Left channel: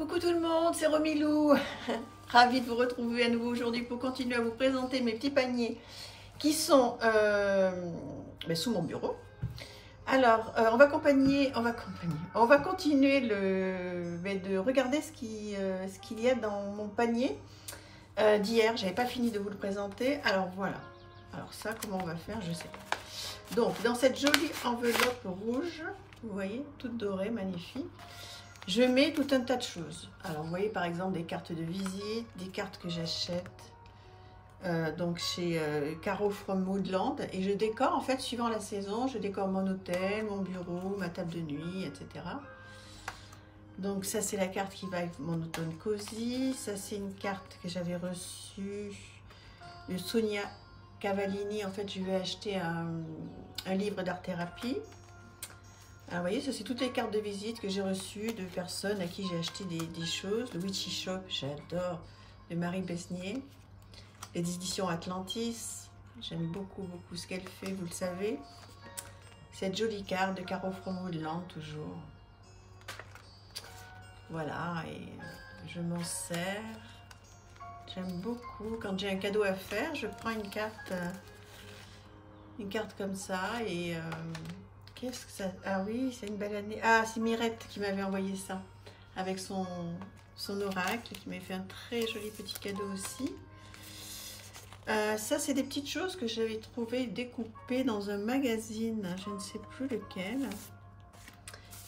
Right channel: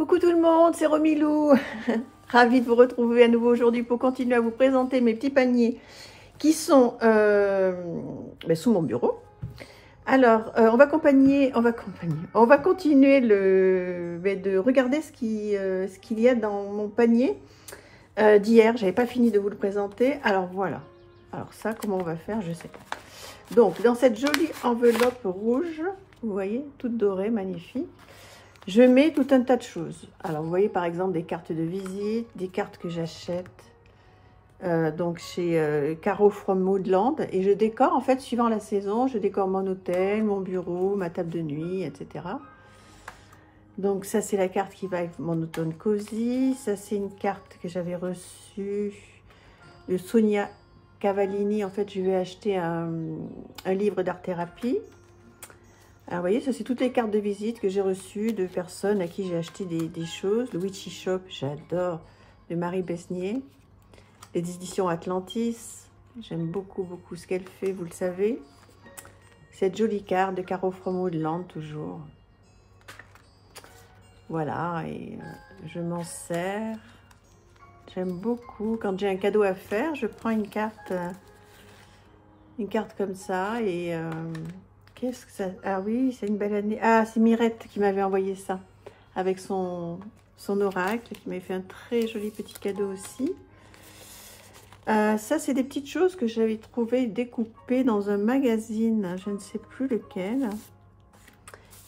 Coucou tout le monde, c'est Romilou. Ravie de vous retrouver à nouveau aujourd'hui pour continuer à vous présenter mes petits paniers qui sont sous mon bureau. Alors, on va continuer de regarder ce qu'il y a dans mon panier d'hier. J'avais pas fini de vous le présenter. Alors voilà. Alors ça, comment on va faire, je sais pas. Donc, dans cette jolie enveloppe rouge, vous voyez, toute dorée, magnifique. Je mets tout un tas de choses. Alors, vous voyez par exemple des cartes de visite, des cartes que j'achète donc chez Caro from Woodland. Et je décore, en fait, suivant la saison, je décore mon hôtel, mon bureau, ma table de nuit, etc. Donc, ça, c'est la carte qui va avec mon automne cosy. Ça, c'est une carte que j'avais reçue de Sonia Cavallini. En fait, je lui ai acheté un livre d'art-thérapie. Alors, vous voyez, ça, c'est toutes les cartes de visite que j'ai reçues de personnes à qui j'ai acheté des choses. Le Witchy Shop, j'adore, de Marie Besnier. Les éditions Atlantis, j'aime beaucoup, beaucoup ce qu'elle fait, vous le savez. Cette jolie carte de Caro from Woodland, toujours. Voilà, et je m'en sers. J'aime beaucoup. Quand j'ai un cadeau à faire, je prends une carte comme ça et... qu'est-ce que ça... Ah oui, c'est une belle année. Ah, c'est Mirette qui m'avait envoyé ça. Avec son oracle, qui m'avait fait un très joli petit cadeau aussi. Ça, c'est des petites choses que j'avais trouvées découpées dans un magazine. Je ne sais plus lequel.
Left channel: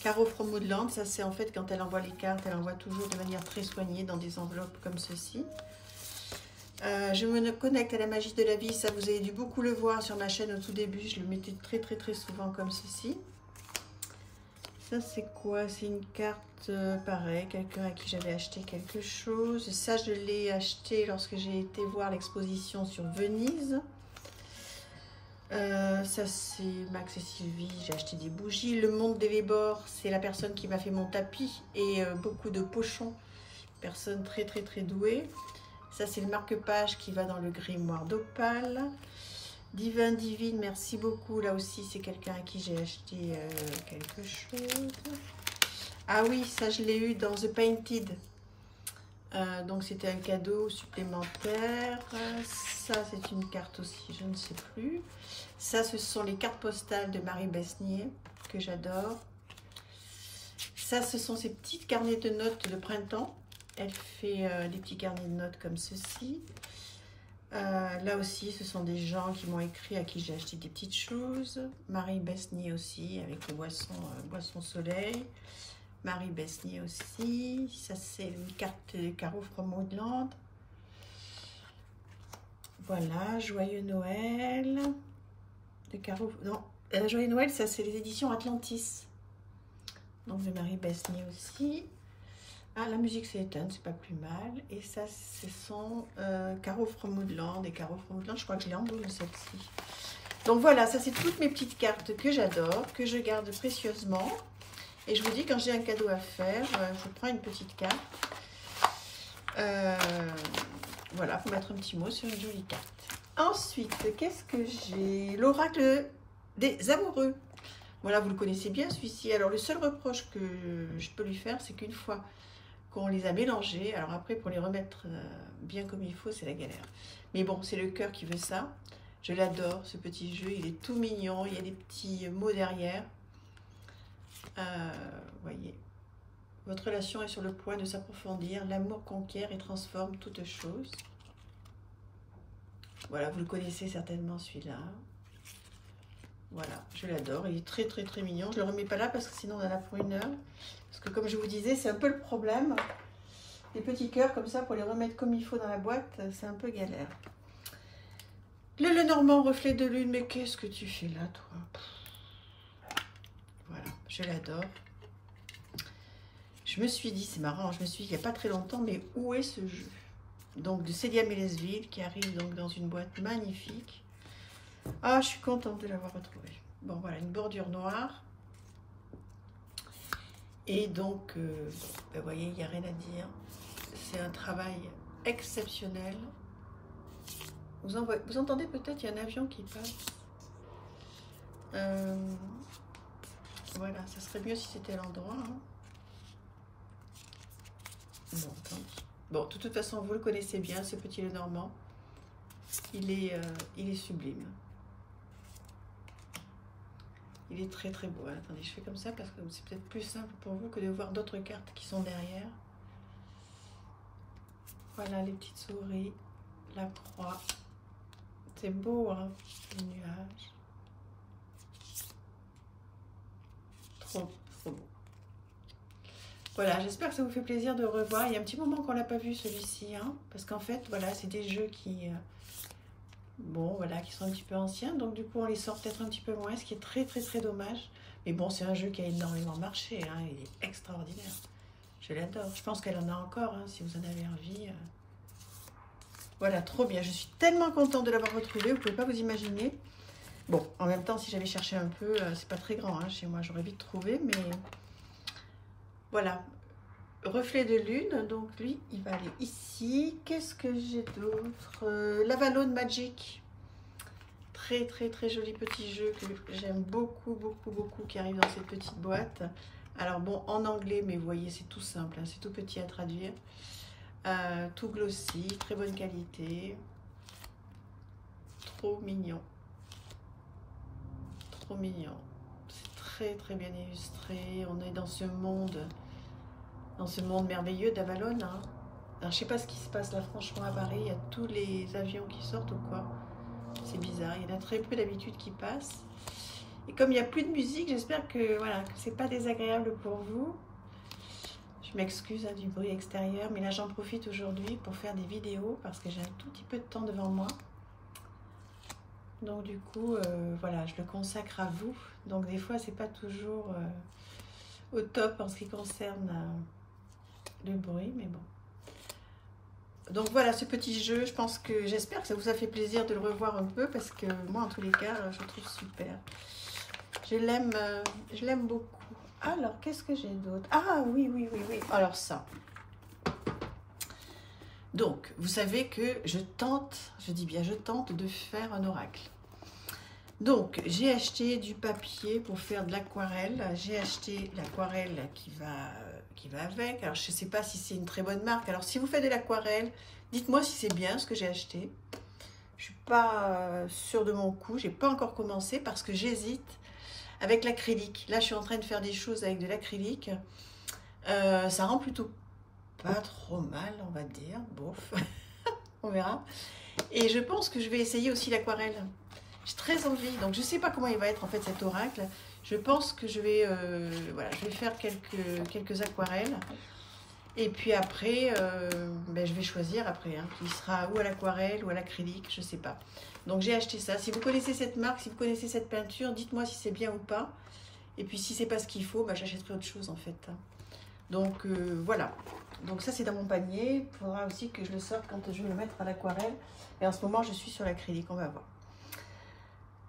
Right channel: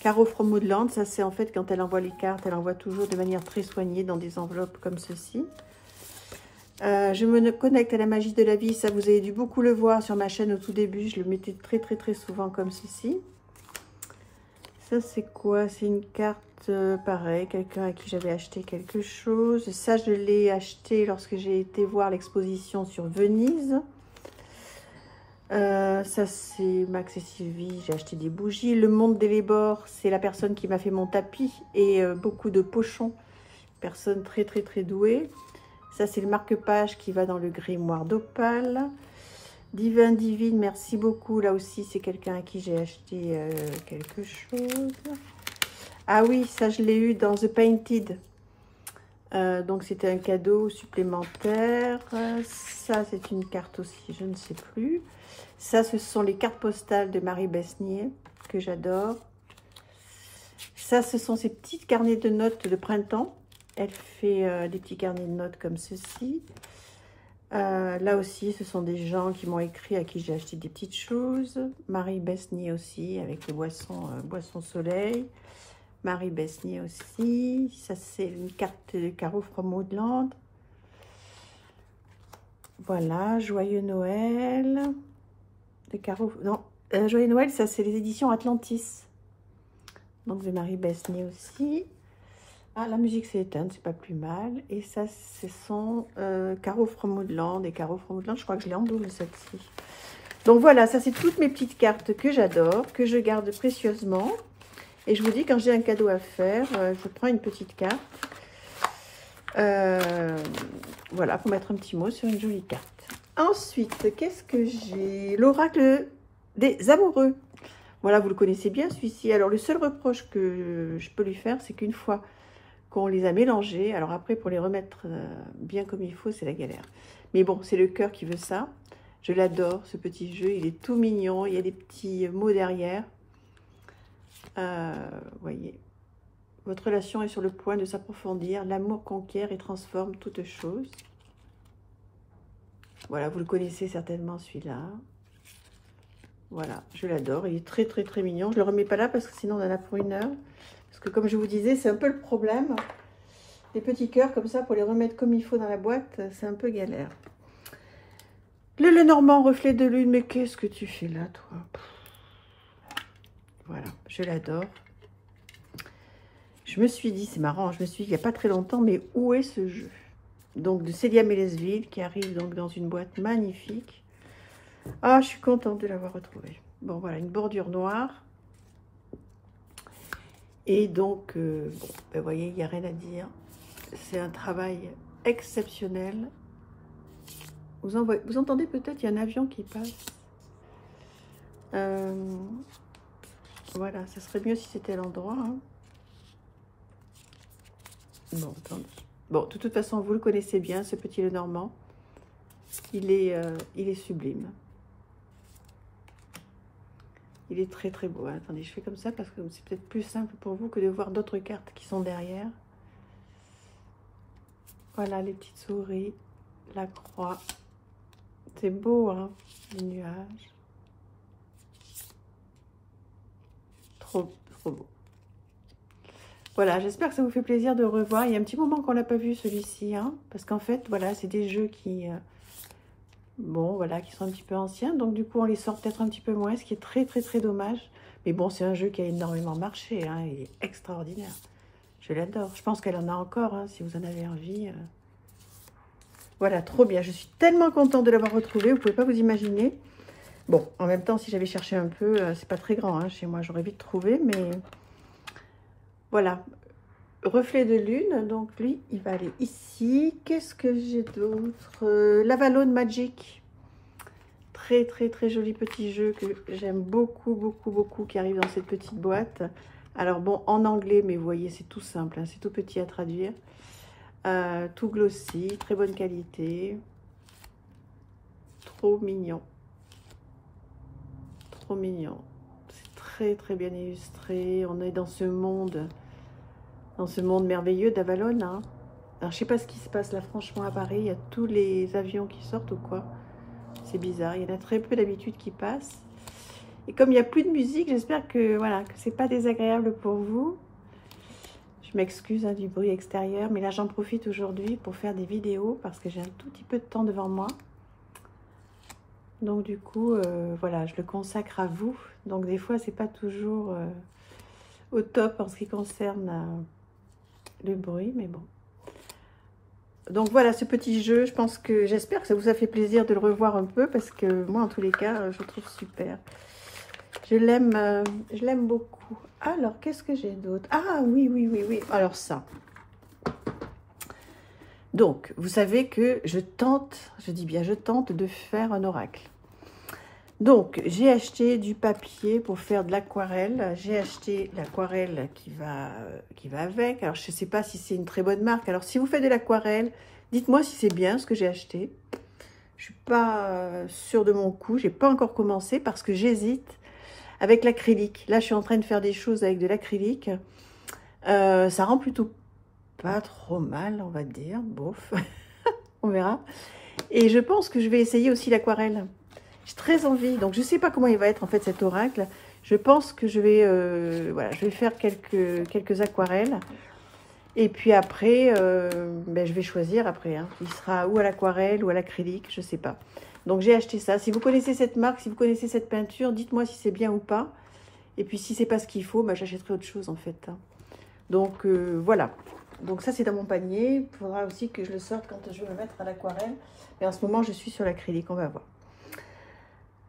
Caro from Woodland, ça c'est en fait quand elle envoie les cartes, elle envoie toujours de manière très soignée dans des enveloppes comme ceci. Je me connecte à la magie de la vie, ça vous avez dû beaucoup le voir sur ma chaîne au tout début, je le mettais très souvent comme ceci. Ça c'est quoi? C'est une carte pareil, quelqu'un à qui j'avais acheté quelque chose. Et ça je l'ai acheté lorsque j'ai été voir l'exposition sur Venise. Ça c'est Max et Sylvie, j'ai acheté des bougies. Le Monde des Lébors, c'est la personne qui m'a fait mon tapis et beaucoup de pochons. Personne très douée. Ça, c'est le marque-page qui va dans le grimoire d'Opale. Divin Divine, merci beaucoup. Là aussi, c'est quelqu'un à qui j'ai acheté quelque chose. Ah oui, ça, je l'ai eu dans The Painted. Donc, c'était un cadeau supplémentaire. Ça, c'est une carte aussi, je ne sais plus. Ça, ce sont les cartes postales de Marie Besnier, que j'adore. Ça, ce sont ces petites carnets de notes de printemps. Elle fait des petits carnets de notes comme ceci. Là aussi, ce sont des gens qui m'ont écrit à qui j'ai acheté des petites choses. Marie Besnier aussi, avec le boisson soleil. Marie Besnier aussi. Ça, c'est une carte de Caro from Woodland. Voilà, Joyeux Noël. De Caro... Non, Joyeux Noël, ça, c'est les éditions Atlantis. Donc, de Marie Besnier aussi. Ah, la musique s'est éteinte, c'est pas plus mal. Et ça, ce sont Caro from Woodland. Et Caro from Woodland, je crois que je l'ai en double, celle-ci. Donc voilà, ça, c'est toutes mes petites cartes que j'adore, que je garde précieusement. Et je vous dis, quand j'ai un cadeau à faire, je prends une petite carte. Voilà, pour mettre un petit mot sur une jolie carte. Ensuite, qu'est-ce que j'ai? L'oracle des amoureux. Voilà, vous le connaissez bien, celui-ci. Alors, le seul reproche que je peux lui faire, c'est qu'une fois qu'on les a mélangés, alors après, pour les remettre bien comme il faut, c'est la galère. Mais bon, c'est le cœur qui veut ça. Je l'adore, ce petit jeu. Il est tout mignon. Il y a des petits mots derrière. Voyez. Votre relation est sur le point de s'approfondir. L'amour conquiert et transforme toute chose. Voilà, vous le connaissez certainement, celui-là. Voilà, je l'adore. Il est très mignon. Je ne le remets pas là parce que sinon on en a pour une heure. Parce que comme je vous disais, c'est un peu le problème. Les petits cœurs comme ça, pour les remettre comme il faut dans la boîte, c'est un peu galère. Le Lenormand, reflet de lune. Mais qu'est-ce que tu fais là, toi? Voilà, je l'adore. Je me suis dit, c'est marrant, je me suis dit il n'y a pas très longtemps, mais où est ce jeu? Donc de Célia Mélesville, qui arrive donc dans une boîte magnifique. Ah, je suis contente de l'avoir retrouvé. Bon, voilà, une bordure noire. Et donc, vous voyez, il n'y a rien à dire. C'est un travail exceptionnel. Vous entendez peut-être, il y a un avion qui passe. Voilà, ça serait mieux si c'était à l'endroit. Hein. Bon, attendez. Bon, de toute façon, vous le connaissez bien, ce petit Lenormand. Il est sublime. Il est très très beau. Attendez, je fais comme ça parce que c'est peut-être plus simple pour vous que de voir d'autres cartes qui sont derrière. Voilà, les petites souris, la croix. C'est beau, hein, les nuages. Trop, trop beau. Voilà, j'espère que ça vous fait plaisir de revoir. Il y a un petit moment qu'on n'a pas vu celui-ci, hein, parce qu'en fait, voilà, c'est des jeux qui... bon, voilà, qui sont un petit peu anciens. Donc, du coup, on les sort peut-être un petit peu moins, ce qui est très, très, très dommage. Mais bon, c'est un jeu qui a énormément marché, hein. Il est extraordinaire. Je l'adore. Je pense qu'elle en a encore, hein, si vous en avez envie. Voilà, trop bien. Je suis tellement contente de l'avoir retrouvé. Vous ne pouvez pas vous imaginer. Bon, en même temps, si j'avais cherché un peu, c'est pas très grand, hein, chez moi. J'aurais vite trouvé, mais... Voilà. Reflet de lune. Donc, lui, il va aller ici. Qu'est-ce que j'ai d'autre? L'Avalon Magic. Très, très, très joli petit jeu que j'aime beaucoup, beaucoup, beaucoup, qui arrive dans cette petite boîte. Alors, bon, en anglais, mais vous voyez, c'est tout simple, hein, c'est tout petit à traduire. Tout glossy, très bonne qualité. Trop mignon. Trop mignon. C'est très, très bien illustré. On est dans ce monde merveilleux d'Avalon, hein. Alors, je sais pas ce qui se passe là, franchement, à Paris. Il y a tous les avions qui sortent ou quoi. C'est bizarre, il y en a très peu d'habitude qui passent. Et comme il n'y a plus de musique, j'espère que voilà, que c'est pas désagréable pour vous. Je m'excuse, hein, du bruit extérieur, mais là j'en profite aujourd'hui pour faire des vidéos parce que j'ai un tout petit peu de temps devant moi. Donc du coup, voilà, je le consacre à vous. Donc des fois, c'est pas toujours au top en ce qui concerne le bruit, mais bon. Donc voilà ce petit jeu, j'espère que ça vous a fait plaisir de le revoir un peu parce que moi en tous les cas je le trouve super. Je l'aime beaucoup. Alors qu'est-ce que j'ai d'autre? Ah oui, oui, oui, oui. Alors ça. Donc vous savez que je dis bien je tente de faire un oracle. Donc j'ai acheté du papier pour faire de l'aquarelle. J'ai acheté l'aquarelle qui va avec. Alors je ne sais pas si c'est une très bonne marque. Alors si vous faites de l'aquarelle, dites-moi si c'est bien ce que j'ai acheté. Je ne suis pas sûre de mon coup. Je n'ai pas encore commencé parce que j'hésite avec l'acrylique. Là je suis en train de faire des choses avec de l'acrylique. Ça rend plutôt pas trop mal, on va dire. Bof, on verra. Et je pense que je vais essayer aussi l'aquarelle. J'ai très envie, donc je ne sais pas comment il va être en fait cet oracle. Je pense que je vais, voilà, je vais faire quelques aquarelles. Et puis après, ben, je vais choisir après. Hein. Il sera ou à l'aquarelle ou à l'acrylique, je ne sais pas. Donc j'ai acheté ça. Si vous connaissez cette marque, si vous connaissez cette peinture, dites-moi si c'est bien ou pas. Et puis si c'est pas ce qu'il faut, ben, j'achète autre chose en fait. Donc voilà. Donc ça c'est dans mon panier. Il faudra aussi que je le sorte quand je vais me mettre à l'aquarelle. Mais en ce moment je suis sur l'acrylique, on va voir.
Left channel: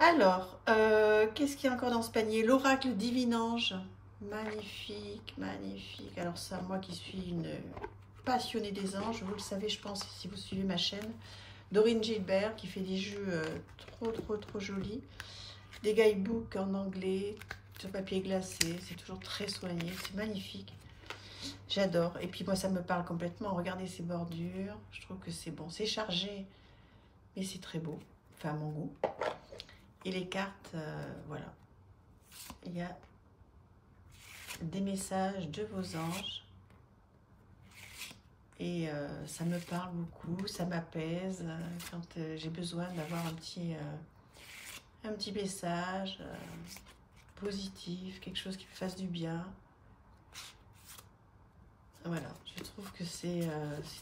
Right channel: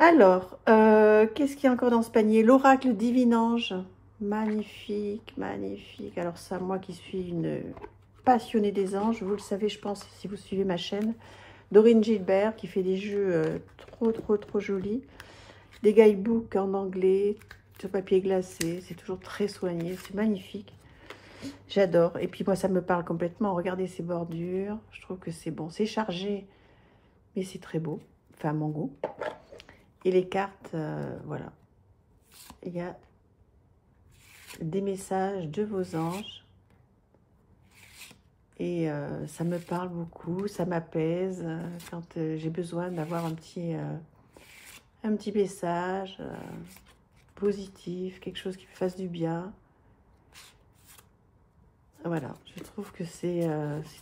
Alors, qu'est-ce qu'il y a encore dans ce panier? L'oracle Divinange. Magnifique, magnifique. Alors ça, moi qui suis une passionnée des anges, vous le savez, je pense, si vous suivez ma chaîne. Dorine Gilbert, qui fait des jeux trop jolis. Des guidebooks en anglais, sur papier glacé. C'est toujours très soigné, c'est magnifique. J'adore. Et puis moi, ça me parle complètement. Regardez ces bordures. Je trouve que c'est bon. C'est chargé, mais c'est très beau. Enfin, à mon goût. Et les cartes, voilà. Il y a des messages de vos anges. Et ça me parle beaucoup, ça m'apaise quand j'ai besoin d'avoir un petit message positif, quelque chose qui me fasse du bien. Voilà, je trouve que c'est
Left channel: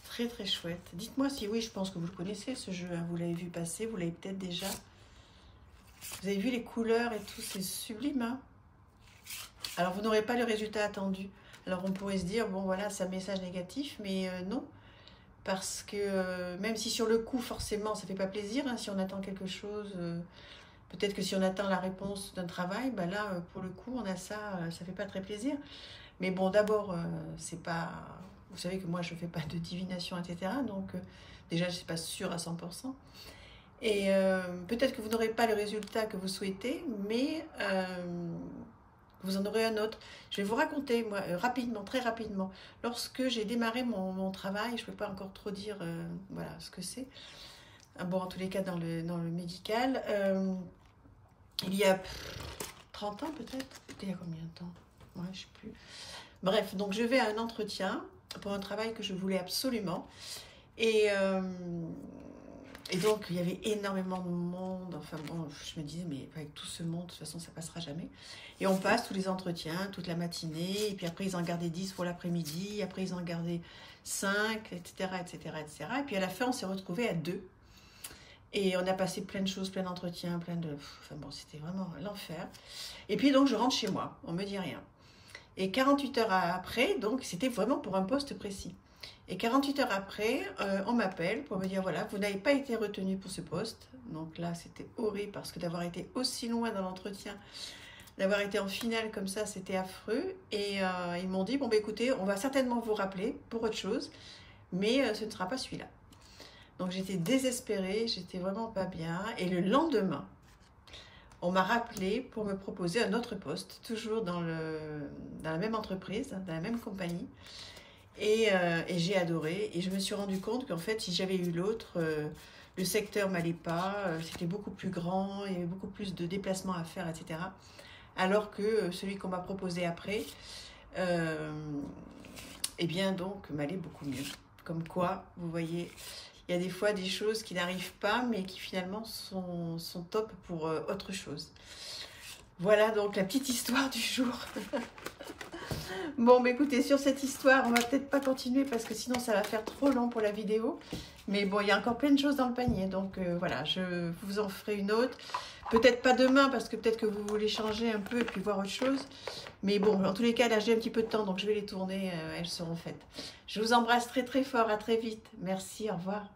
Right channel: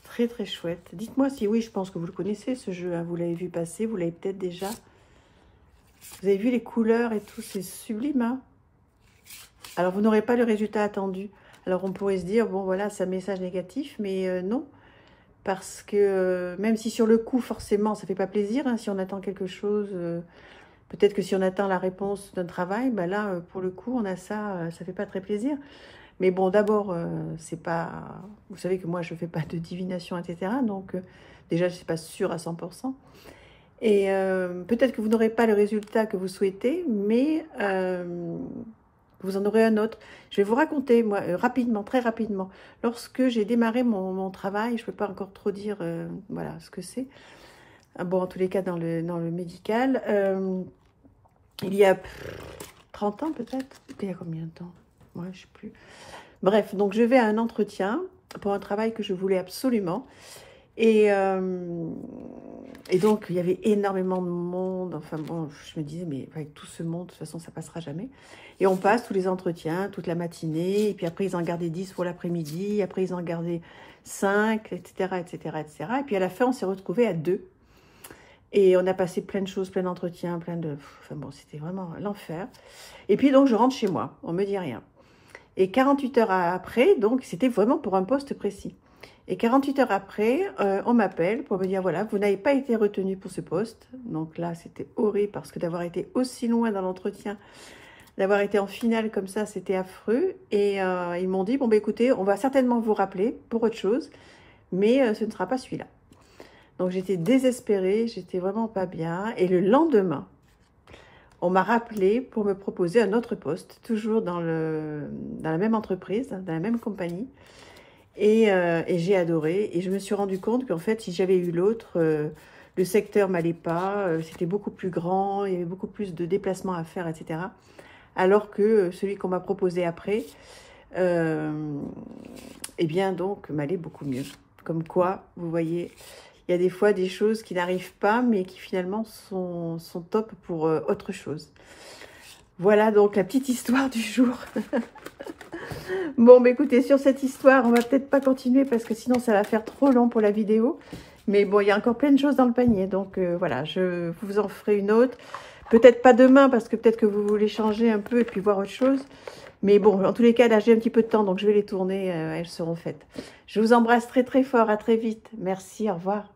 très très chouette. Dites-moi si oui, je pense que vous le connaissez ce jeu, hein, vous l'avez vu passer, vous l'avez peut-être déjà. Vous avez vu les couleurs et tout, c'est sublime, hein. Alors, vous n'aurez pas le résultat attendu. Alors, on pourrait se dire, bon, voilà, c'est un message négatif, mais non. Parce que même si sur le coup, forcément, ça ne fait pas plaisir, hein, si on attend quelque chose, peut-être que si on attend la réponse d'un travail, ben là, pour le coup, on a ça, ça ne fait pas très plaisir. Mais bon, d'abord, c'est pas... Vous savez que moi, je ne fais pas de divination, etc. Donc, déjà, je ne suis pas sûre à 100%. Et peut-être que vous n'aurez pas le résultat que vous souhaitez, mais vous en aurez un autre. Je vais vous raconter, moi, rapidement, très rapidement. Lorsque j'ai démarré mon travail, je ne peux pas encore trop dire voilà, ce que c'est. Bon, en tous les cas, dans le médical, il y a 30 ans peut-être. Il y a combien de temps? Ouais, je ne sais plus. Bref, donc je vais à un entretien pour un travail que je voulais absolument. Et donc, il y avait énormément de monde. Enfin bon, je me disais, mais avec tout ce monde, de toute façon, ça passera jamais. Et on passe tous les entretiens, toute la matinée. Et puis après, ils en gardaient 10 pour l'après-midi. Après, ils en gardaient 5, etc., etc., etc. Et puis à la fin, on s'est retrouvés à 2. Et on a passé plein de choses, plein d'entretiens, plein de... Enfin bon, c'était vraiment l'enfer. Et puis donc, je rentre chez moi. On me dit rien. Et 48 heures après, donc, c'était vraiment pour un poste précis. Et 48 heures après, on m'appelle pour me dire, voilà, vous n'avez pas été retenu pour ce poste. Donc là, c'était horrible parce que d'avoir été aussi loin dans l'entretien, d'avoir été en finale comme ça, c'était affreux. Et ils m'ont dit, bon, bah, écoutez, on va certainement vous rappeler pour autre chose, mais ce ne sera pas celui-là. Donc j'étais désespérée, j'étais vraiment pas bien. Et le lendemain, on m'a rappelé pour me proposer un autre poste, toujours dans la même entreprise, dans la même compagnie. Et j'ai adoré. Et je me suis rendu compte qu'en fait, si j'avais eu l'autre, le secteur m'allait pas. C'était beaucoup plus grand, il y avait beaucoup plus de déplacements à faire, etc. Alors que celui qu'on m'a proposé après, eh bien donc, m'allait beaucoup mieux. Comme quoi, vous voyez, il y a des fois des choses qui n'arrivent pas, mais qui finalement sont top pour autre chose. Voilà donc la petite histoire du jour. Bon, bah écoutez, sur cette histoire, on va peut-être pas continuer parce que sinon ça va faire trop long pour la vidéo. Mais bon, il y a encore plein de choses dans le panier. Donc voilà, je vous en ferai une autre. Peut-être pas demain parce que peut-être que vous voulez changer un peu et puis voir autre chose. Mais bon, en tous les cas, là, j'ai un petit peu de temps, donc je vais les tourner. Elles seront faites. Je vous embrasse très très fort. À très vite. Merci, au revoir.